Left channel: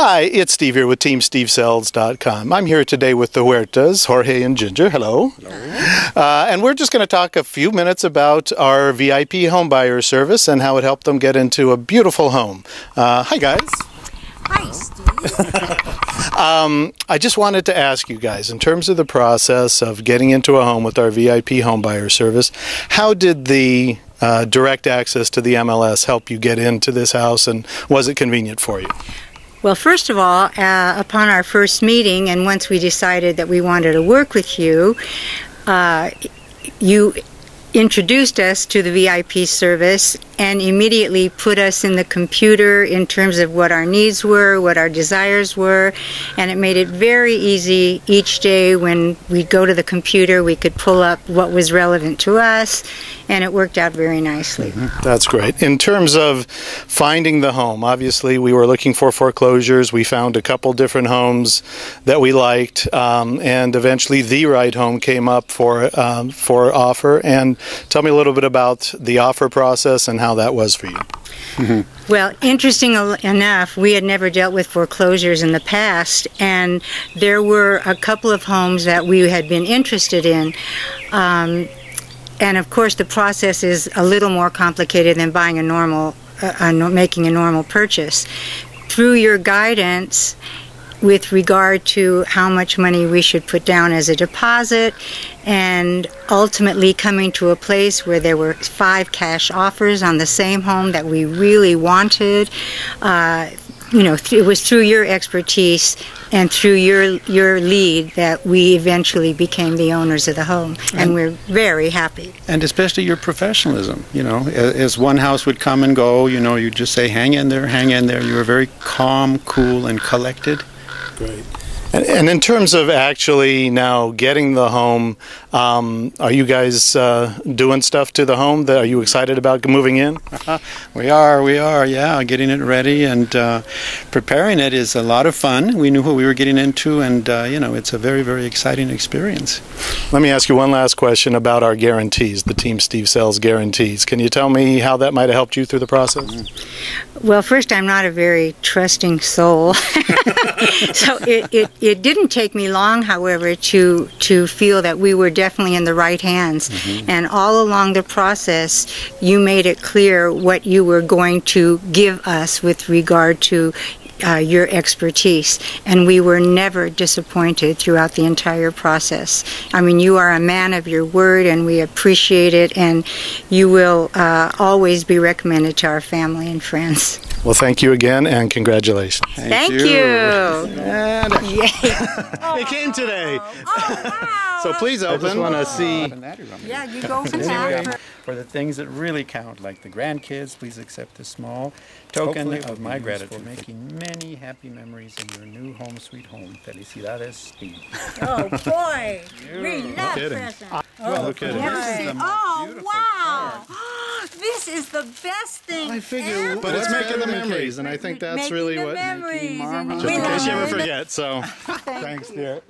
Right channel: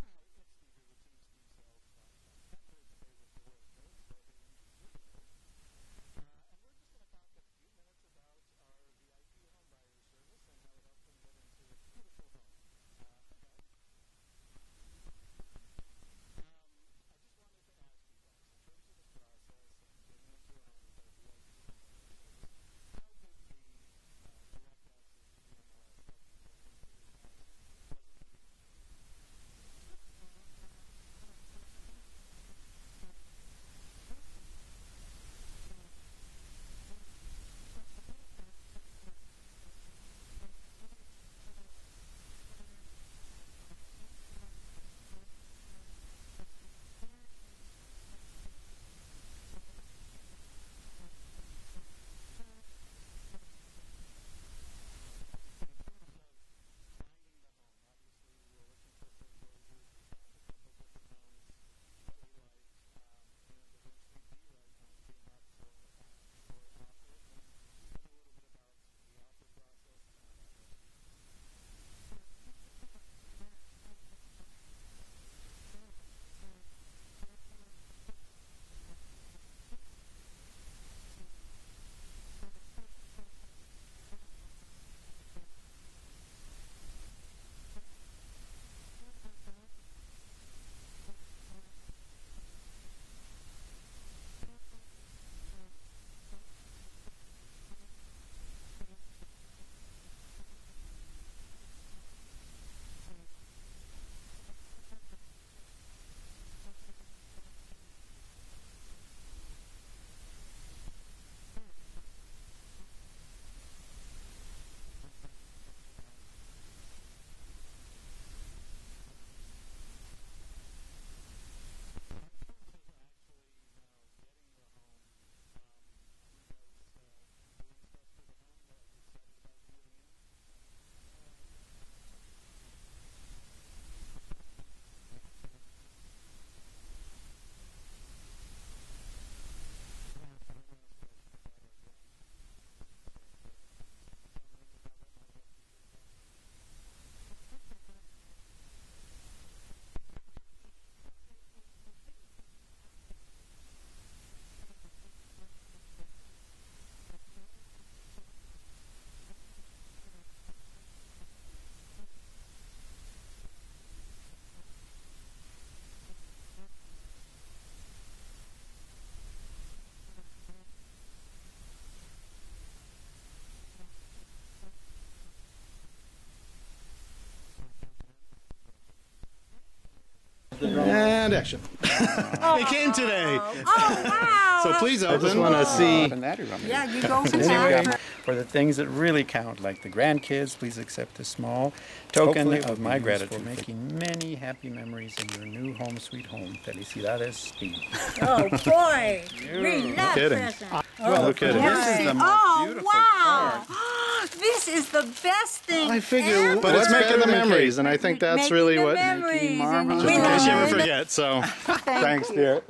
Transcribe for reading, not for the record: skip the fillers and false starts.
Hi, it's Steve here with TeamSteveSells.com. I'm here today with the Huertas, Jorge and Ginger. Hello. Hello. And we're just going to talk a few minutes about our VIP homebuyer service and how it helped them get into a beautiful home. Hi, guys. Hi, Steve. I just wanted to ask you guys, in terms of the process of getting into a home with our VIP homebuyer service, how did the direct access to the MLS help you get into this house, and was it convenient for you? Well, first of all, upon our first meeting, and once we decided that we wanted to work with you, you introduced us to the VIP service and immediately put us in the computer in terms of what our needs were, what our desires were, and it made it very easy each day. When we go to the computer, we could pull up what was relevant to us, and it worked out very nicely. That's great. In terms of finding the home, obviously we were looking for foreclosures. We found a couple different homes that we liked, and eventually the right home came up for offer. And tell me a little bit about the offer process and how that was for you. Well, interesting enough, we had never dealt with foreclosures in the past, and there were a couple of homes that we had been interested in. And of course, the process is a little more complicated than buying a normal, making a normal purchase. Through your guidance with regard to how much money we should put down as a deposit, and ultimately coming to a place where there were 5 cash offers on the same home that we really wanted, you know, it was through your expertise and through your lead that we eventually became the owners of the home, and we're very happy. And especially your professionalism, you know, as one house would come and go, you know, you just say, hang in there, hang in there. You were very calm, cool, and collected. Great. And in terms of actually now getting the home, are you guys doing stuff to the home? Are you excited about moving in? We are, yeah, getting it ready, and preparing it is a lot of fun. We knew what we were getting into, and you know, it's a very, very exciting experience. Let me ask you one last question about our guarantees, the Team Steve Sells guarantees. Can you tell me how that might have helped you through the process? Well, first, I'm not a very trusting soul. So it didn't take me long, however, to feel that we were definitely in the right hands. And all along the process, you made it clear what you were going to give us with regard to your expertise, and we were never disappointed throughout the entire process. I mean, you are a man of your word, and we appreciate it, and you will always be recommended to our family and friends. Well, thank you again, and congratulations. Thank you. And they came today. Oh, wow. So please open. I just want to see. Yeah, you go for that. For the things that really count, like the grandkids, please accept a small token of my gratitude for making many happy memories in your new home, sweet home. Felicidades, Steve. Oh, boy. We love presents. Well, look at it. This is the most beautiful wow. card. This is the best thing I figure, ever. but it's making the memories, and I think that's really what. Memories. Marvelous. Just in case you ever forget. So, thanks, dear.